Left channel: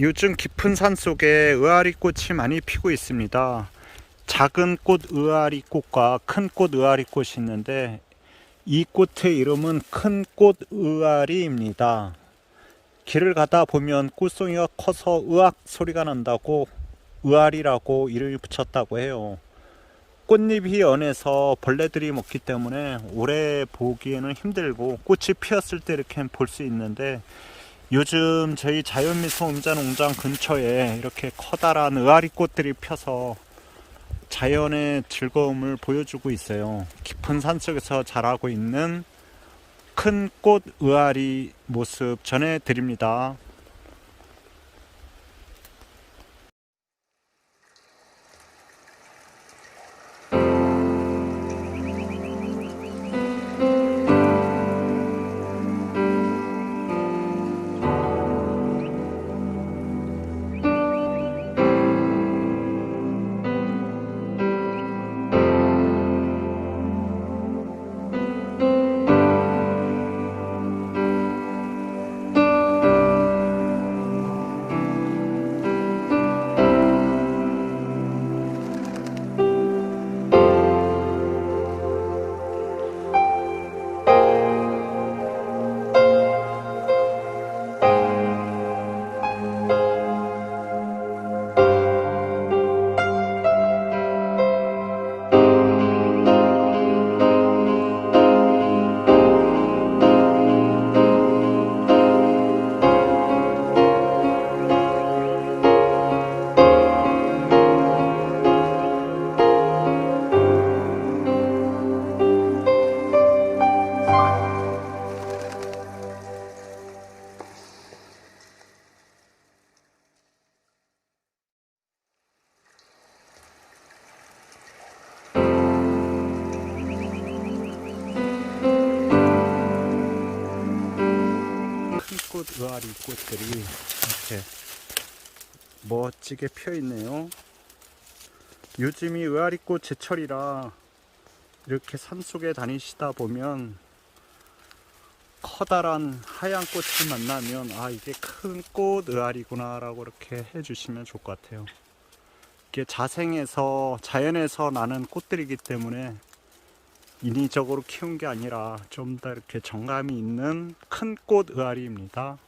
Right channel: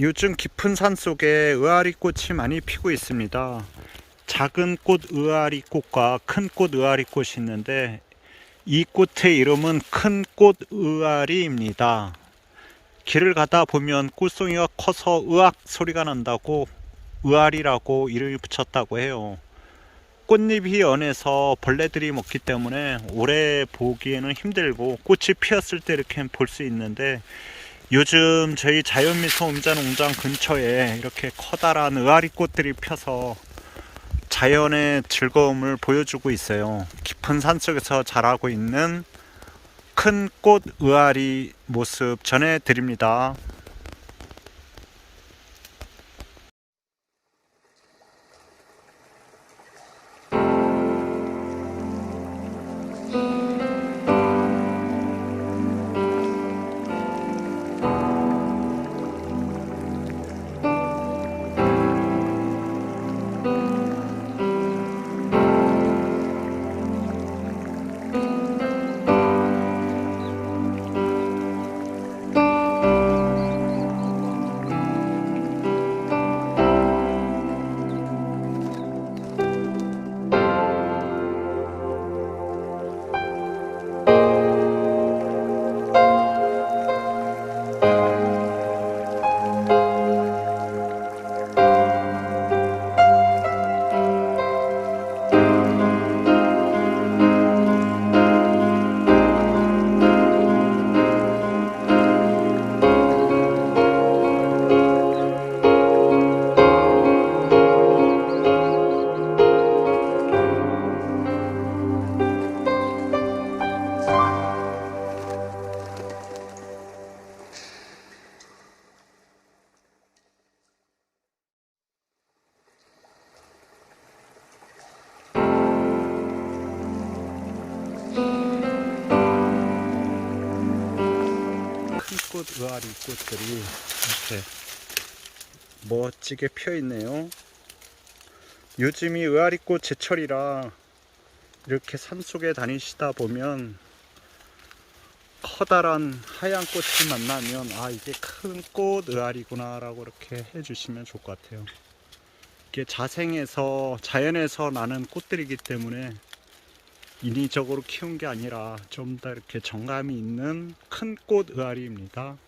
요즘 깊은 산 속에 의아리 꽃이 많이 피고 있습니다. 작은 꽃 의아리 꽃과 큰 꽃 의아리 꽃이 있는데 이 꽃의 이름은 큰 꽃 의아리입니다. 길을 가다 보면 꽃송이가 커서 으악 소리가 난다고 의아리라고 이름을 붙였다고 해요. 꽃잎이 연해서 벌레들이 먹기 때문에 오래 보기에는 힘들고 꽃이 피었을 때 이렇게 볼 수 있는데 요즘 저희 자연미소 음자농장 근처에 이렇게 커다란 의아리 꽃들이 펴서 자연의 즐거움을 보여주고 있어요. 깊은 산 속에서 자라고 있는 큰 꽃 의아리 모습 전해드립니다. 꽃 의아리 꽃들이 이렇게 멋지게 펴 있네요. 요즘이 의아리 꽃 제철이라 이렇게 산 속에 다니시다 보면 커다란 하얀 꽃을 만나면 아 이게 큰 꽃 의아리구나 라고 이렇게 해주시면 좋을 것 같아요. 이게 자생에서 자연에서 나는 꽃들이기 때문에 인위적으로 키운 게 아니라 좀 더 이렇게 정감이 있는 큰 꽃 의아리입니다.